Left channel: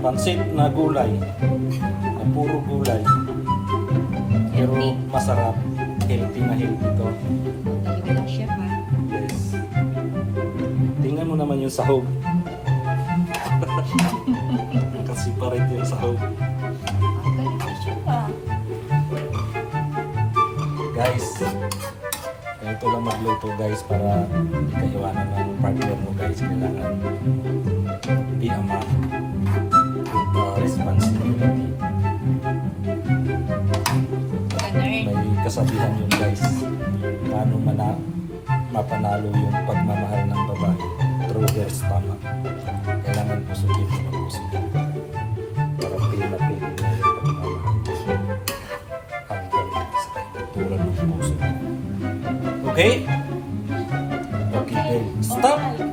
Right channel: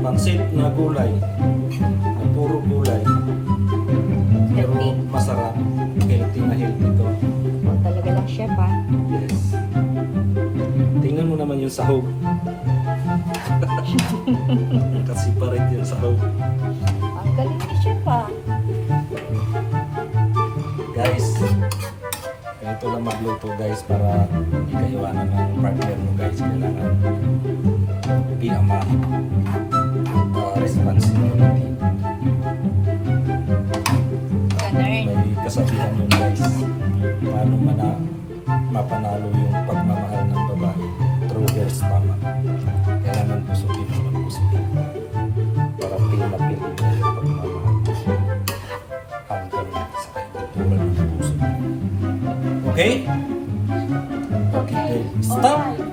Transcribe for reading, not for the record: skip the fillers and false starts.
pansit na gulay. Na puro gulay. Pero masarap. Healthy na healthy to. Talaga ng chef ha. Yes. Tingnan mo naman yung sahog. Kasi parit yung sahog. Ang galing ng chef ha. Guys, ganito lang magluto guys para hindi ka iwanan ng partner mo guys. Kailangan be a man. Responsibility. May kasabihan yun guys. Paano mapanalo yung pagmamahal ng babae through their stomach. Kailangan pusukin mo ng pusukin para feel na feel mo yung pagmamahal hanggang sa kaibuturan ng puso. Okay? Okay, good. Stop!